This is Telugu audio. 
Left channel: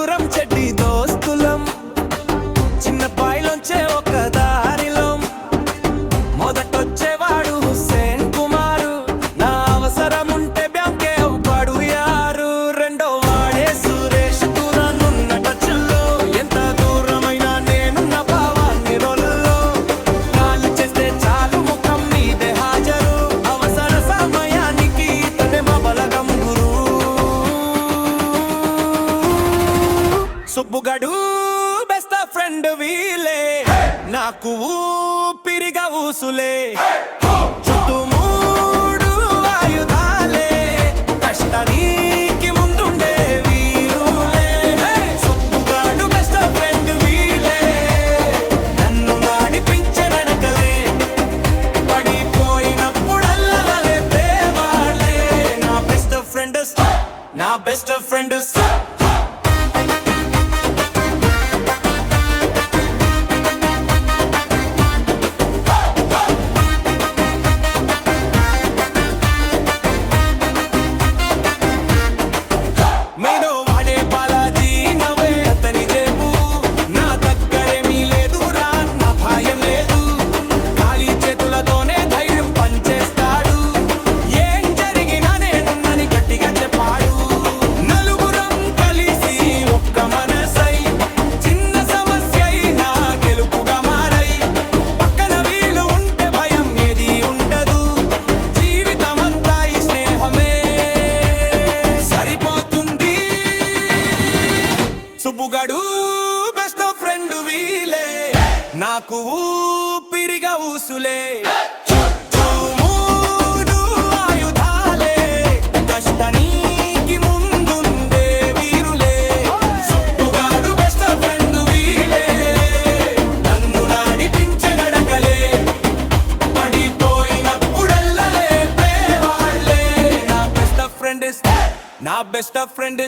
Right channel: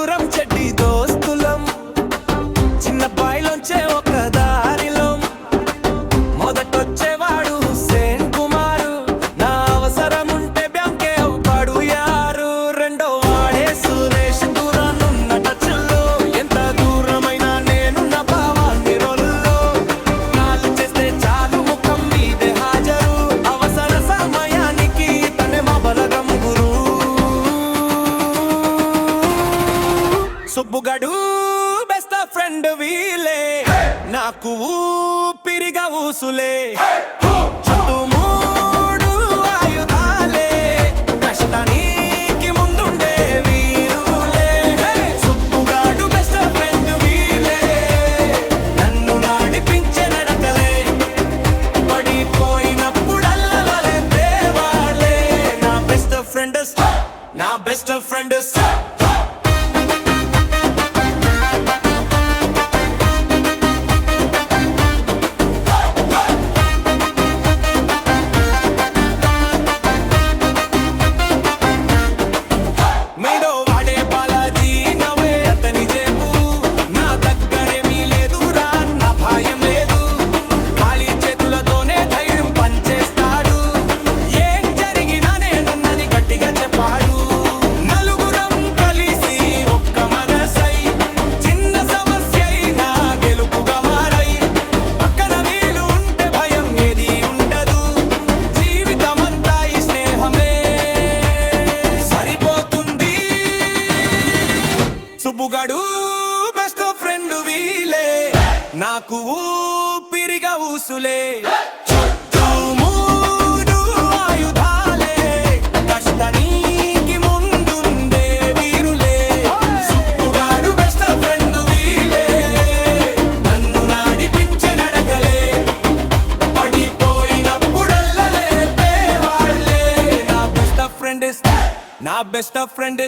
నలుగురం చెడ్డి దోస్తులం, చిన్న బాయిలోంచే ఒక దారిలో. మొదటొచ్చేవాడు హుస్సేన్ కుమారు, నా అవసరముంటే బ్యాంకే అవుపాడు యారు. రెండో వాడే సురేష్, దూరానున్న టచ్లో, ఎంత దూరమైనా నేనున్న భావాన్ని రొల్లో. కాలు చేస్తే చాలు ముఖం మీదే హాజరు, అవసర సమయానికి తనే మా బలగం గురు. సుబ్బుగడు బెస్ట్ ఫ్రెండ్ వీలే, నాకు ఊపిరిగా ఊసులే. చుట్టూ మూడు ఆయుధాలే, కష్టానికి ముందుండే వీరులే. సుబ్బుగాడు బెస్ట్ ఫ్రెండ్ వీలే, నన్ను నడిపించే నడకలే. పడిపోయినప్పుడల్లా లేపేవాళ్లే నా బెస్ట్ ఫ్రెండ్, నా బెస్ట్ ఫ్రెండ్. మేడో వాడే బాలాజీ, నవే అతని జేబు. నా దగ్గరేమీ లేదురా, నా భయం లేదు. ఖాళీ చేతులతోనే ధైర్యం పంచేస్తాడు, ఏం జరిగినా నేనున్నని గట్టిగా చెప్పాడు. నలుగురం కలిసి ఒక్క మనసై, చిన్న సమస్య అయినా గెలుపుగా మారై. పక్కన వీలు ఉంటే భయం ఏది ఉండదు, జీవితమంతా ఈ స్నేహమే సరిపోతుంది. సుబ్బుగాడు బెస్ట్ ఫ్రెండ్ వీలే, నాకు ఊపిరిగా ఊసులే. చుట్టూ మూడు ఆయుధాలే, కష్టానికి ముందుండే వీరులే. సుబ్బుగాడు బెస్ట్ ఫ్రెండ్ వీలే, నన్ను నడిపించే నడకలే. పడిపోయినప్పుడల్లా లేపేవాళ్లే నా బెస్ట్ ఫ్రెండ్, నా బెస్ట్ ఫ్రెండ్.